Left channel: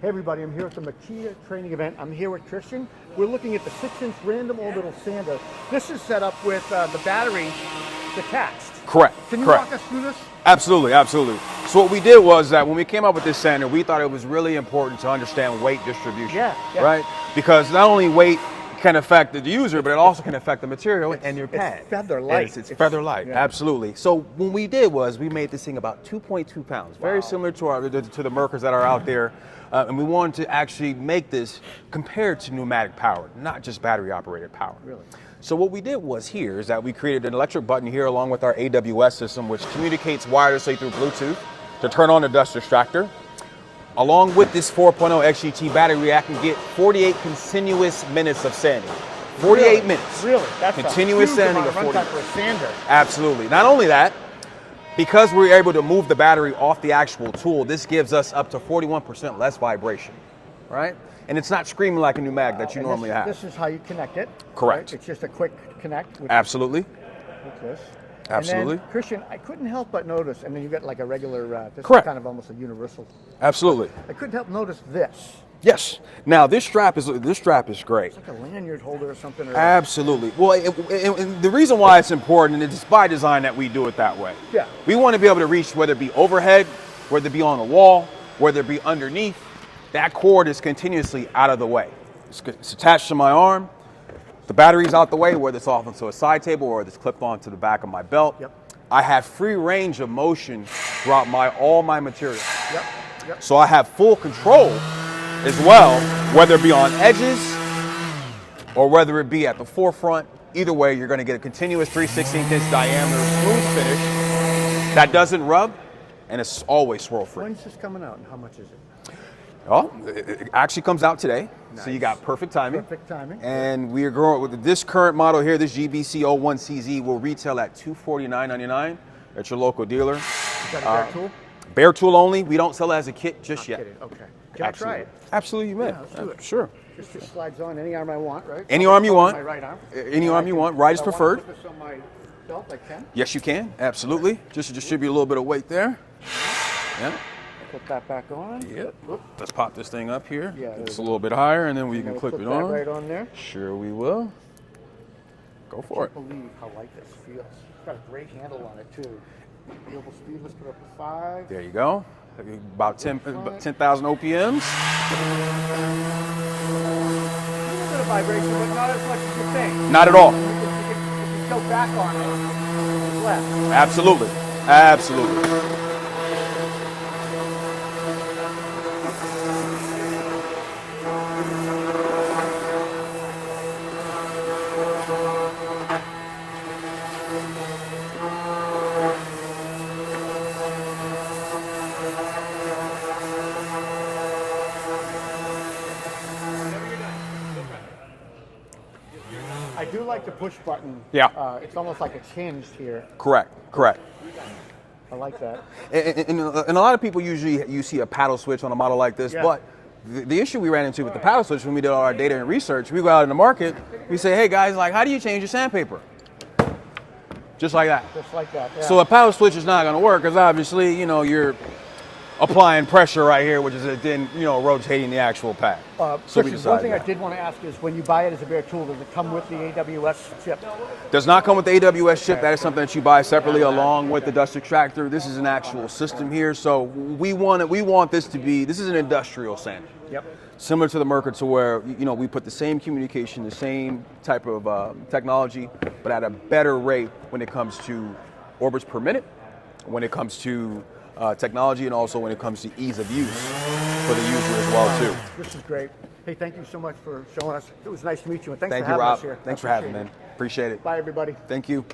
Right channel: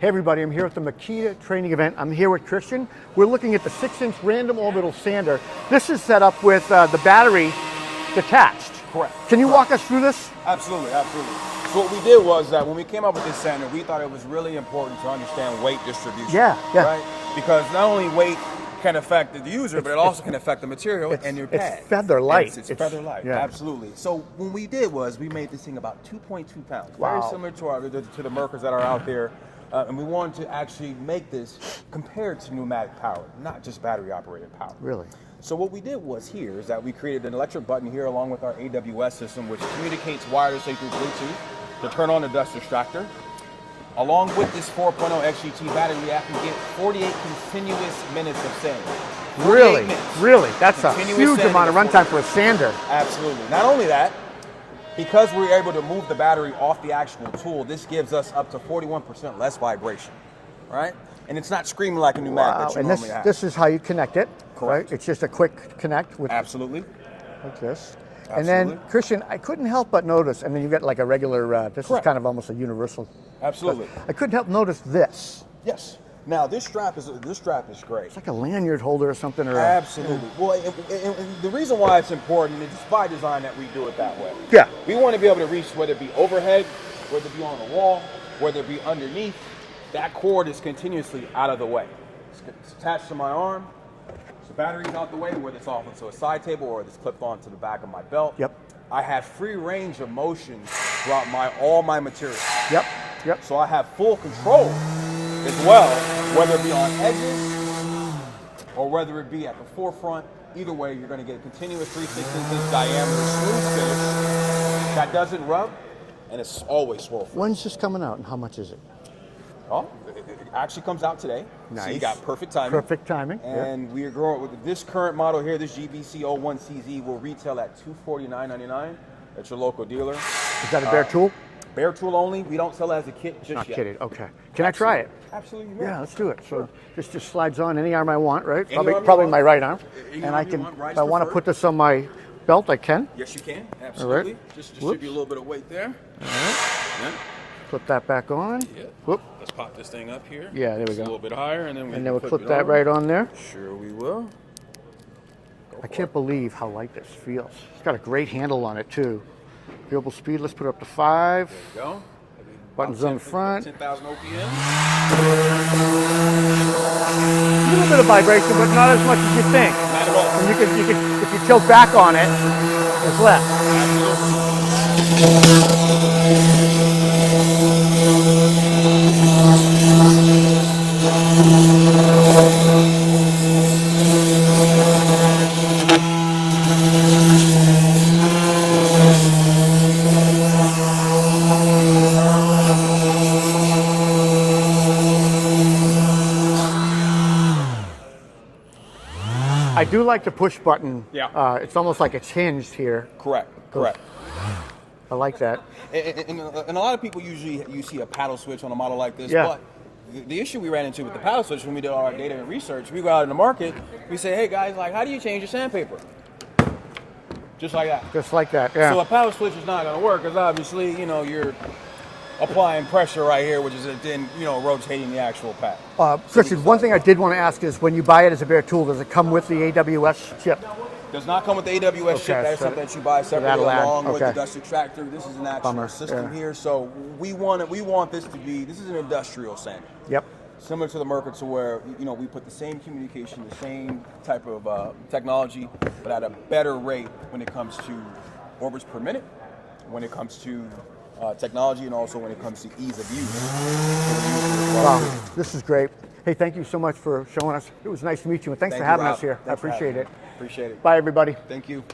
Hey everybody, I'm here at the MAKITA training event. I'm here with Christian. We're looking at the 6-inch random orbital sander. This is set up with the battery detached. Correct. Can you walk us through this? Absolutely, absolutely. So what we did was that when we came up with this sander, we thought it was really important to understand weight distribution. Yeah. Right? Because not only weight can affect the user, but it also can affect the material and your pad. It's feather light. It's feather light, absolutely. So what we did was we made this thing about 2.2 pounds, very similar to the Merkers that are out there. And we wanted to actually make this compared to pneumatic power, not just battery operated power. Really? So what we did was here is that we created an electric button here along with our AWS system, which communicates wirelessly through Bluetooth to turn on the dust extractor. Along with this 4.0 XGT battery, I can get 48 continuous minutes of sanding. 48 minutes. Really? That's continuous a huge amount of runtime for a sander. Absolutely. Not only that, because we're able to move the battery off the actual tool, this gives us up to 41% less vibration, right? And it's not screaming like a pneumatic that you normally have. This is how you connect it. Correct. Right? It's just a quick connect with Absolutely. like this. Absolutely. And then, Christian, I couldn't help but notice, and then you've got like a regular, this Correct. is kind of almost a universal. Absolutely. I couldn't help notice this. Yes. Now this strap is great. It's like a lanyard holder or something. Or Absolutely. Well, and the reason why it's important, and it's by design that we do it that way. Yeah. We want to be able to reach, whether it be overhead, whether it be on the wall, whether it be underneath. That cord is continuously out of the way. It's attached to my arm. The battery's out the way, whether it's off onto a side table or it's clipped onto the back of my belt. Yep. I have free range of motion throughout all my materials. Yep. Yep. So I have full control as well, whether it be on edges or whether it be at the forefront. Either way, you're going to get a continuous 3/16" diameter smooth finish that doesn't rub, and it's always swirl free. When's this coming out and how much is it? Oh, it actually comes out today. Nice. So you got perfect timing. Perfect timing. And we are growing with this current model here, this GOB01CZ will retail at $249.99 at your local dealer. Is that a bare tool? Bare tool only. We don't sell it as a kit just yet. Not kidding. Okay. Can I try it? Absolutely, you may. Yeah, let's do it. Sure. This just slides on any arm I want, right? Any arm you want. My right arm. Any arm you want. Right is if I want preferred. to put this on my belt, I can. Yes, you can. Absolutely. Right. Just to distribute a little bit of weight there. All right. Yep. Put that back on. Yep. Whoop. Let's pop this thing up here. Yeah, there we Just go. a little bit higher, and then we we'll clip put it that on. right on there. Sure, we will. I can't believe how light this feels. It's got a great handle on it too. Variable speed. Let's put it up to 5. There you go. About Buttons up front. 10,000 OPMs. A little bit of vibration, but not as much as you think. Not at all. And you can, if you tilt back on it, it's less. Absolutely. Absolutely. I do like the push button. Yeah. It's almost like it's hinged here. Correct. I like that. And a lot of people usually, you see a paddle switch on a model like this, but the issue we ran into with the paddle switch when we did all our data and research, we go out in the market, we say, hey guys, like, how do you change your sandpaper? Just like that. Just like that, yeah. So a paddle switch is not going to work because obviously, you're applying pressure right here, which is then, rotating the actual pad. Christian, one thing I did want to ask is when you buy it as a bare tool, does it come with the AWS chip? Does not come with the AWS chip. That is something that you buy separately along with the Okay. dust extractor. This is an actual system here. So we want this to be, this is an industrial sander. Yep. Similar to the Merkers, to where, we put the same communication, the same type of technology, but at a better rate when it comes to orbits per minute, when it comes to technology, and also when it comes to ease of use for the user as well too. This is great. Hey, thank you so much for showing us. It was nice to meet you, and thanks for Thank you, having Rob. us here. Thanks I for having appreciate me. it. Appreciate it. Bye, everybody. Thank you.